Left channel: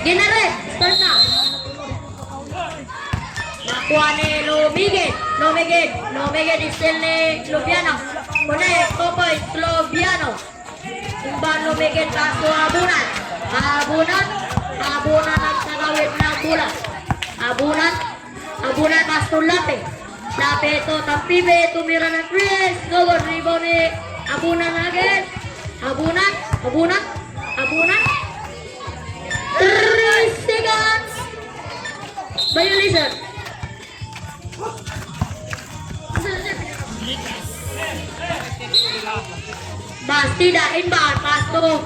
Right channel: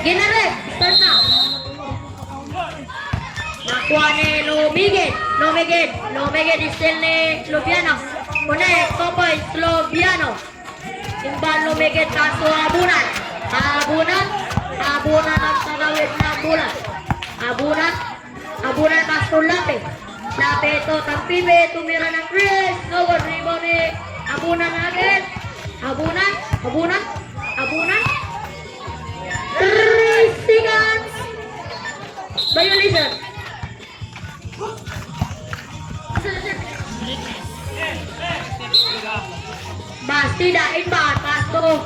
Ginaret, start na. Nakuha ni Lumigit. Lumigit still ni Sloviano. Connect, Popoy, Sloviano. Timban Lumigit, kaso habunan. Habunan ang tanawid ng bulan. Habunan kaso Lape. Lape ito, Tampibe, tumira ng Chris. Gogol, rebound ni Habunan agad. Habunan. 3 seconds. Violation. Bastida inbound. Pass to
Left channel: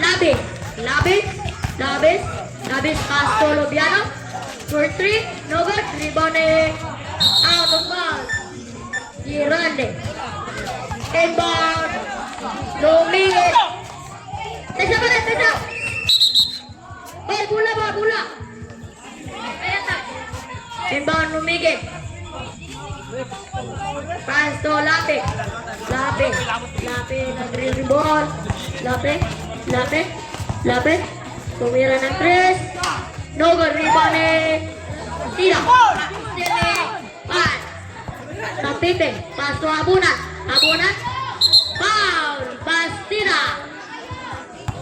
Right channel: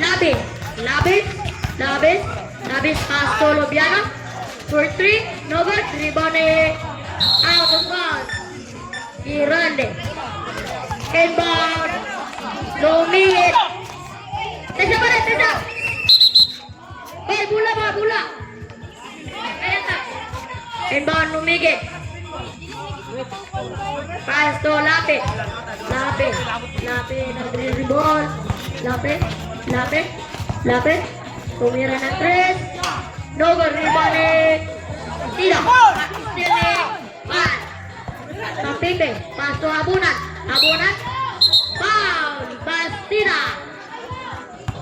Labis. Pass to Lobiano. For 3. No good. Rebound ni out of bounds. Girande. Inbound. Lumigit. Tesa. Bola. Inbound Lumigit. Pass to Lape. Nag-rebound. Lape. Tumira ng 3. No good. Rebound ni Tira. Tampibe. Pass to Habunan. Foul. Bastida.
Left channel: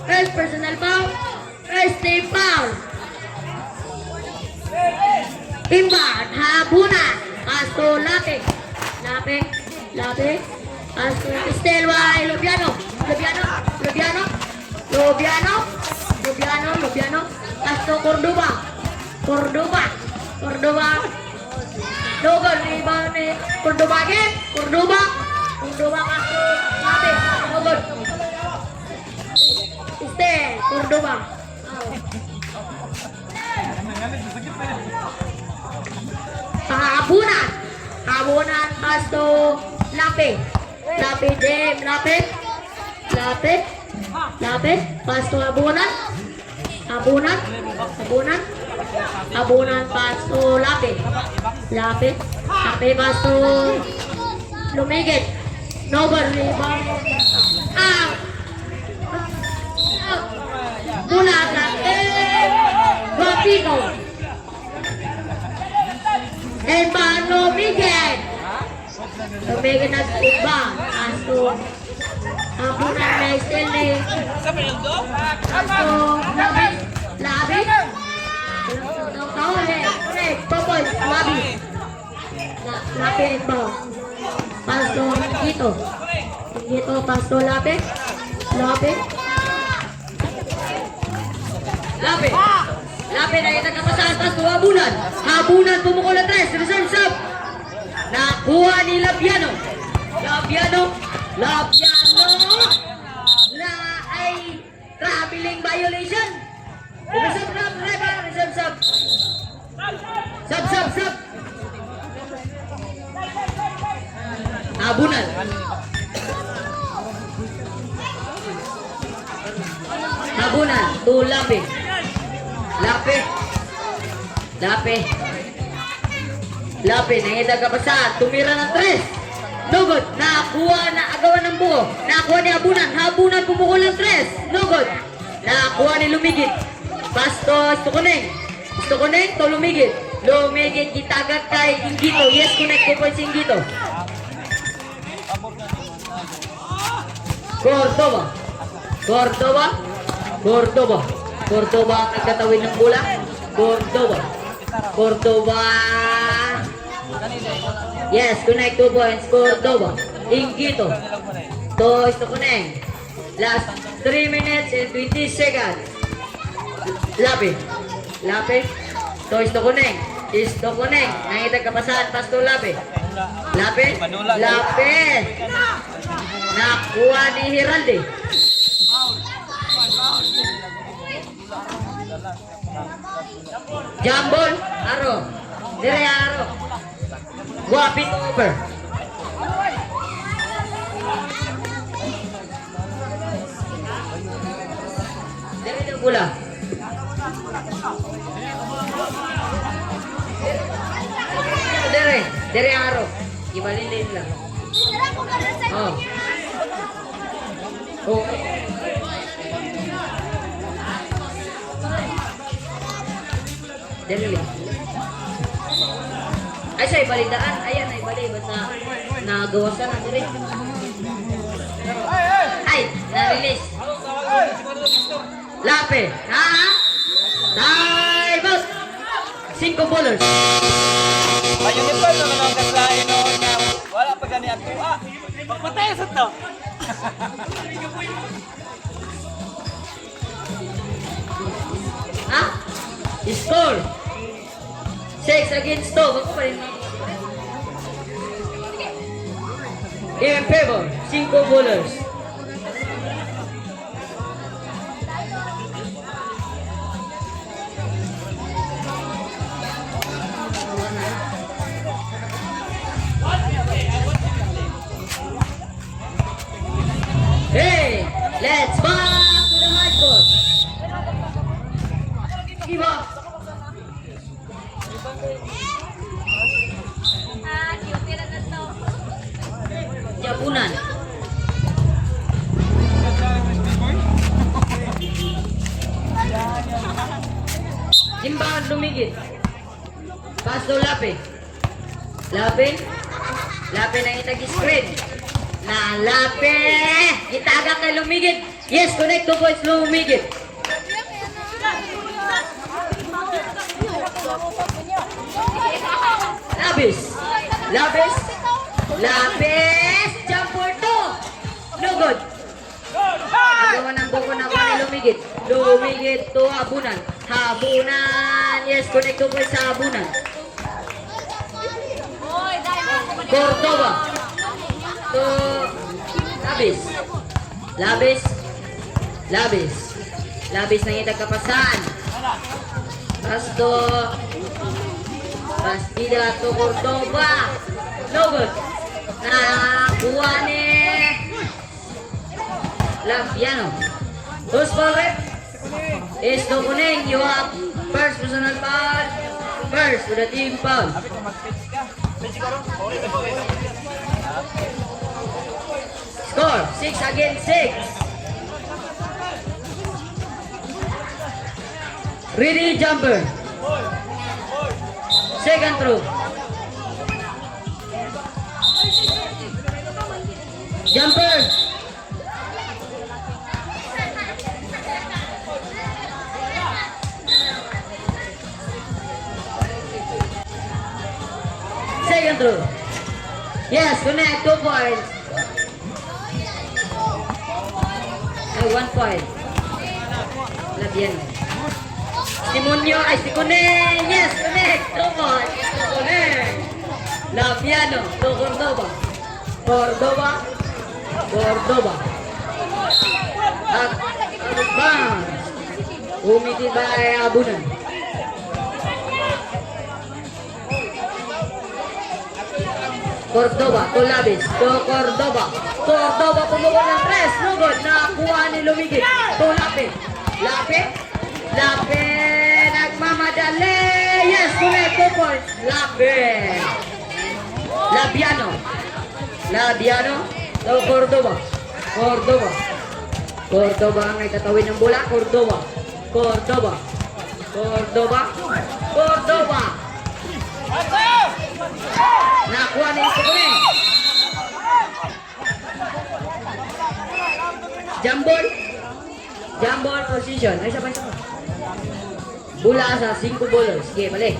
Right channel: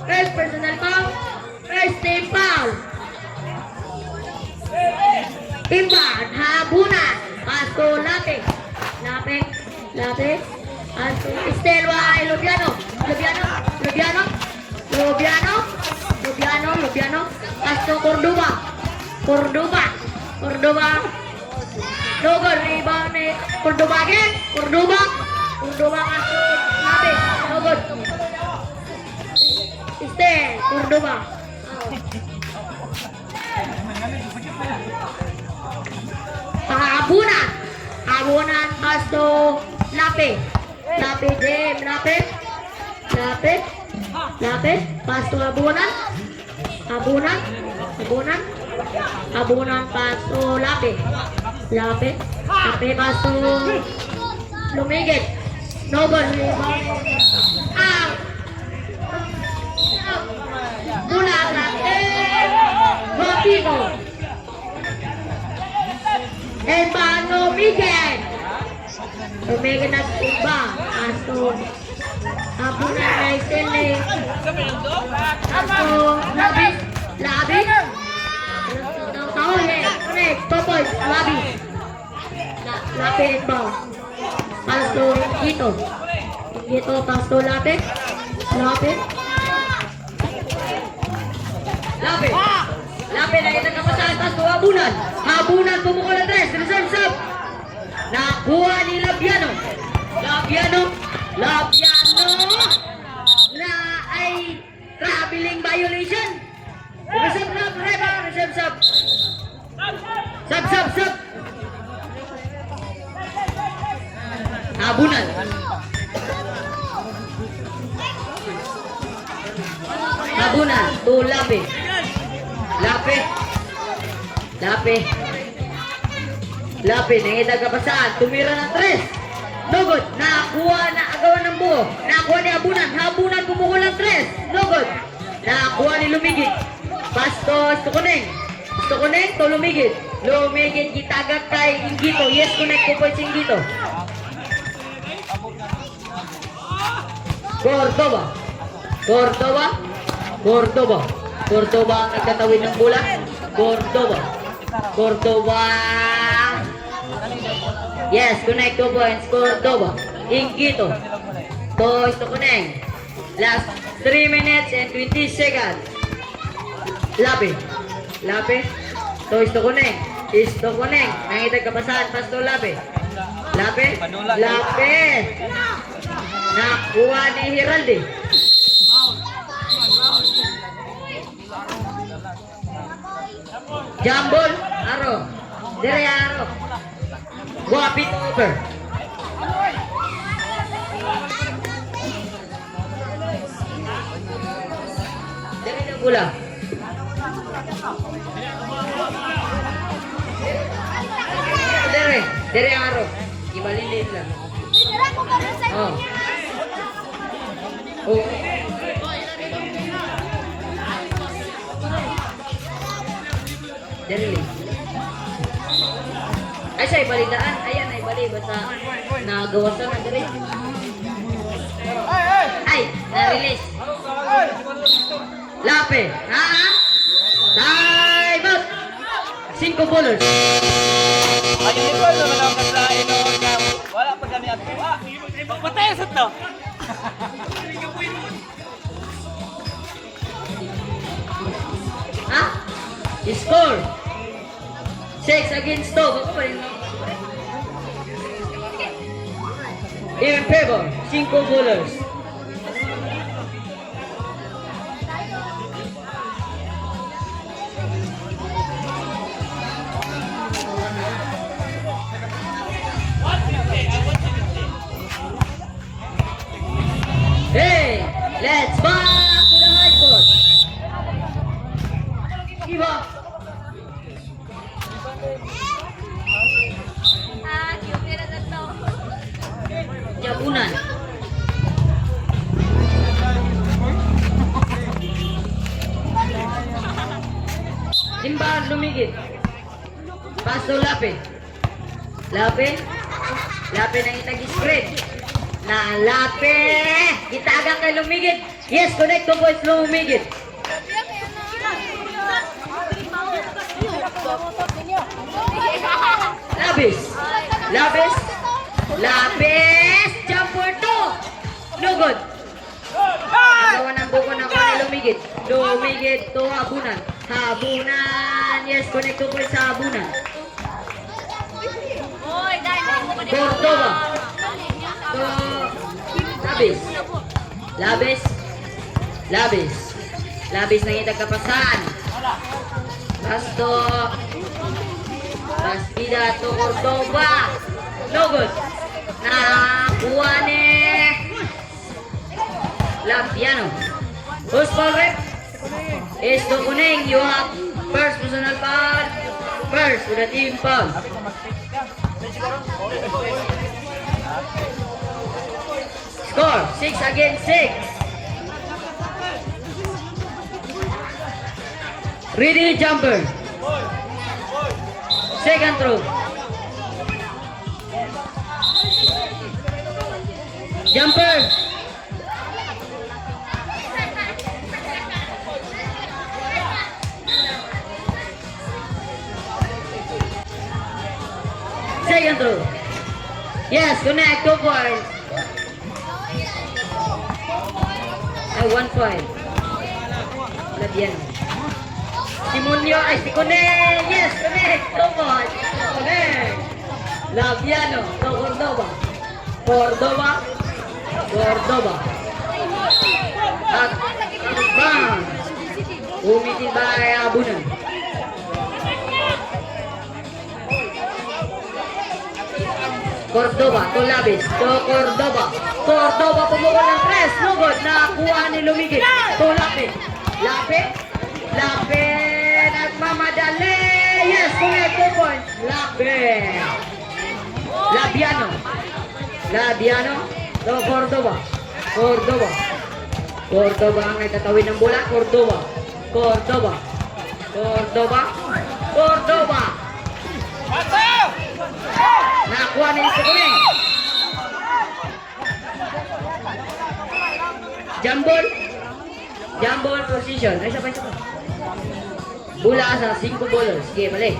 First personal foul. First team foul. Inbound. Habunan. Pass to Lape. Pass to Estelva. Lobiano. Pass to Cordoba. Dogon rebound ni Cordoba again. Cordoba pass to Lape. Dogon. Cordoba. Habunan pass to Lape. Lape pass to Habunan pass to Lape pass to Lumigit. Noble rebound. Guapino. Hermano Miguel. Lumigit na iba. Pass to Habunan na Estelle. Pass to Labis. Connect. Popoy. Lape inbound. Pass to Gito. Pass to Lape. Lape na yung nagkapasahan. Pass to Habunan pumukol ang 3. Reserve sub. Nakuha ni Labiano. Na ay traveling violation. Reserve sub. Sub. Habunan to Lape. Nangita ka pa saan? Tumira ng 3. No good. Nakakuha na agawan ng buo. Nakakuha ni Habunan pumukol ng 3. No good. Nakakuha ni Lumigit. Pass to Istokoneng to Lumigit. Gitagat kay Ingito. Yes, connect ko po si Ingito. Cordoba ang nagtatawid ng bola. Cordoba. Yes, connect 2 points. Cordoba. Ingito. To Istokoneng. Last 3 minutes and 20 seconds. Lape. To Istokoneng. Nangitag kapasahan. Pass to Lape. Nakuha ni Hiraldi. Jambol. Aro. Guapit over. Dire na bola. Dire ang aro. Ibalilin lang. Oh. Oh. Dali. Ay, siya ibalidaan. Ayan, ay bali. Basta nagawasan na dali. Ay, na-release. Lape. Ha? Time out. 5 bowlers. Ayun ito, wala pa gani ako. Pagpatesot na. Ha? Score. 6 against 2. Bako pa rin. In favor. 5 bowlers. Hey, let's back to the hard court. Give up. Yabunan. Simbahan lumigit. Paso Lape. Lape. Lape nang itag-spread. Na Lape. Gitaga kay lumigit. Yes, connect to points lumigit. Labis. Labis. Labis. Jumper 2. No good. Nagawa ng buko ng kanay lumigit. Lumigit to habunan. Habunan. Yes, connect to points sa habunan. Cordova. To Labis. Labis. Labis. Labis na yung kapasan. Basto. Bastida to Cordova. No good. Nakuha ni Lapiano. Who's ball rep? Is to Kuning. You have first personal foul. First to the team foul. Score 6 against 6. Ready jumper. Second throw. Jumper. Second throw. Yes, connect 2 points. Ay, 1 point. Lagyan. Simonyo, ay si Kuneng. Yes, connect. 2 points. Kuneng. Labiano, to Cordova. Cordova. Cordova. At bang. Umiti ba ay abunan. Cordova, to Labis, to Cordova. Cordova pumukol ng press. No good. Nakakuha ni Lumigit. To Lape. Lape. Lape. Nagmamadali. Yes, correct. 2 points. Lape. Labiano. Labiano. To Cordova. Cordova. Cordova ang nagtatawid ng bola. Cordova. Cordova. Cordova. Cordova. Nakakuha na yung Kuning. Jambol. Jambol position. Ay, sabay sabay. Bola sa 5 bowlers. Sige, balik.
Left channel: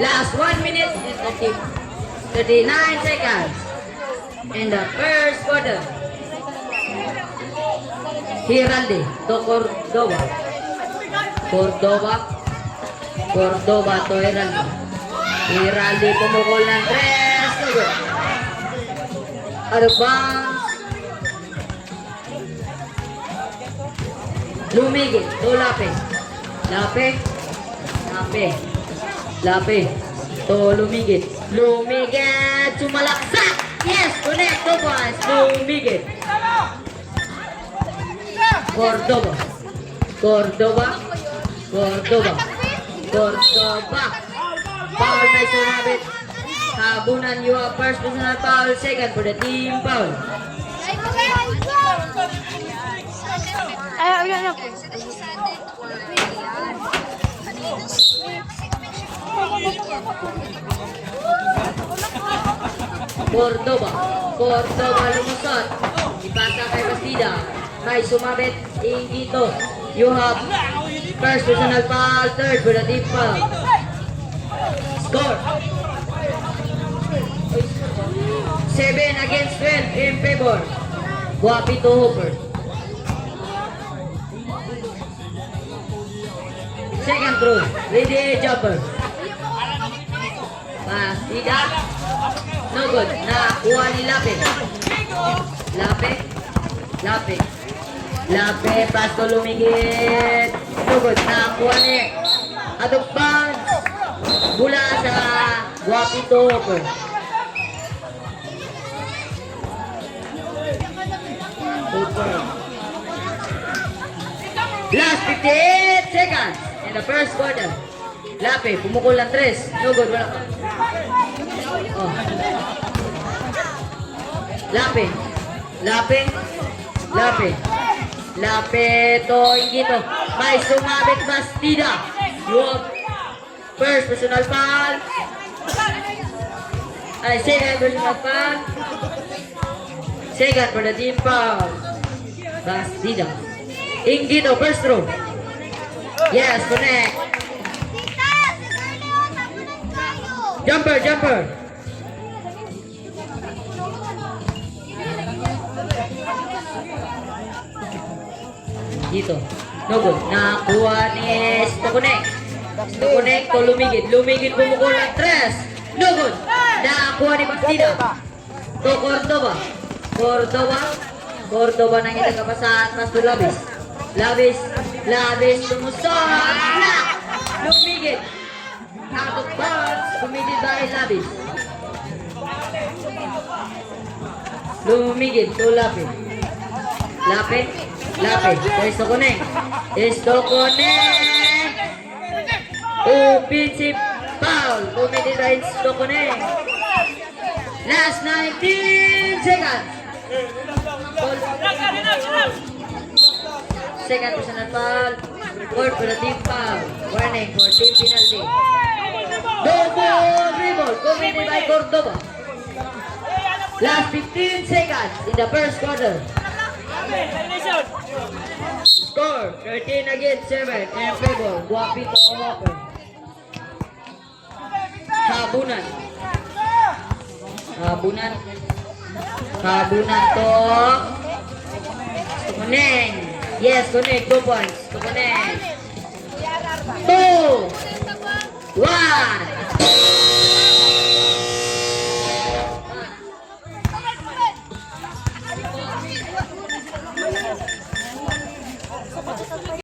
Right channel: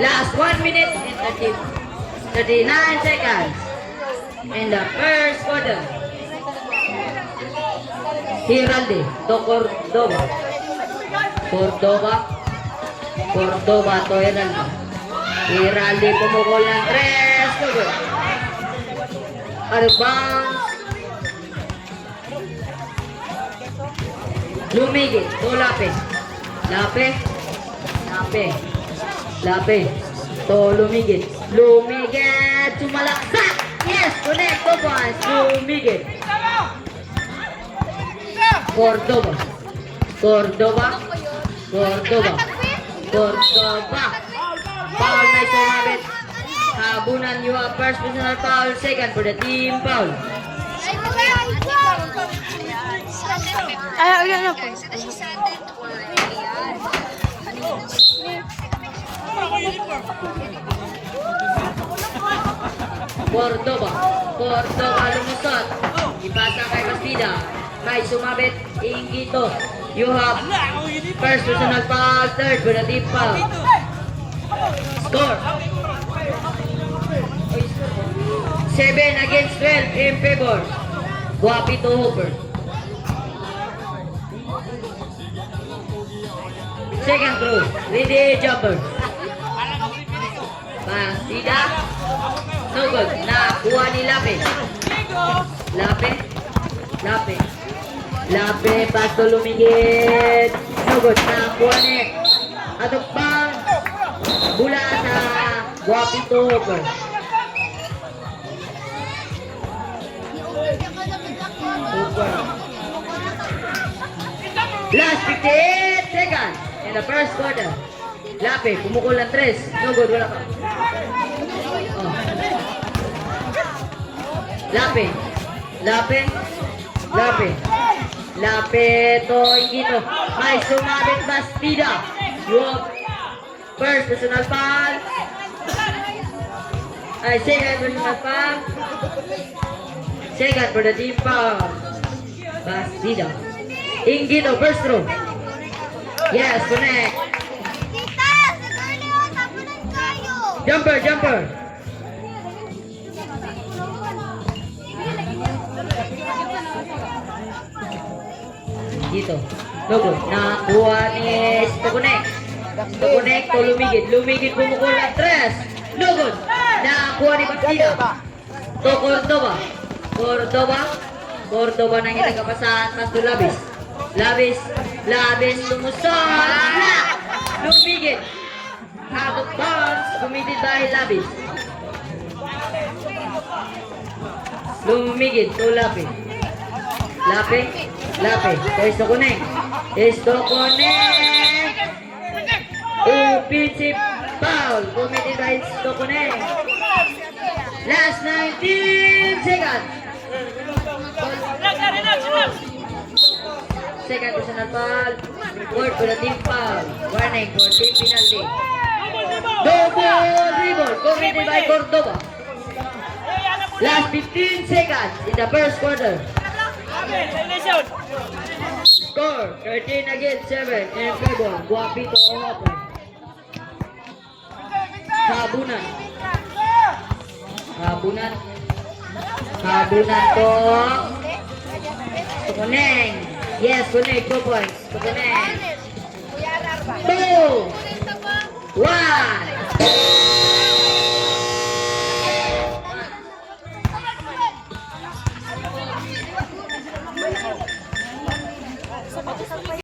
Last 1 minute and 39 seconds. In the first quarter. Hiralde to Cordova. Cordova. Cordova to Hiralde. Hiralde pumukol ng 3. Advance. Lumigit to Lape. Lape. Lape. Lape. To Lumigit. Lumigit. Sumalaksak. Yes, connect to points. Lumigit. Cordova. Cordova. Cordova. Cordova. Foul na sumabit. Habunan, you have first personal foul, second for the team foul. Cordoba lumusot. Ipasa kay Bastida. Kay sumabit, Ingito. You have first personal foul, third for the team foul. Score. 7 against 12 in favor. Guapito Hooper. Second throw. Ready jumper. Bastida. No good. Nakuha ni Lape. Lape. Pasto lumigit. No good. Nakuha ni Atupang. Bula sa Guapito Hooper. Last 58 seconds in the first quarter. Lape, pumukul ng 3. No good, wala. Oh. Lape to Ingito. May sumabit Bastida. Yung first personal foul. Ay, second personal foul. Second for the team foul. Bastida. Ingito, first throw. Yes, connect. Jumper. Dito. No good. Nakuha ni Stokonek. Stokonek to lumigit. Lumigit pumukul ng 3. No good. Nakuha ni Bastida. To Cordoba nang itagapasahan. Pasto Labis tumusok. Black. Lumigit. Out of bounds. Committed by Labis. Lumigit to Lape. Stokonek. Offensive foul. Committed by Stokonek. Last 19 seconds. Second personal foul. Fourth for the team foul. Warning for team penalty. Double dribble committed by Cordoba. Last 15 seconds in the first quarter. Score 13 against 7 in favor. Guapito Hooper. Habunan to Kuneng. Yes, Kuneng. 2 points to Kuneng. 2, 1.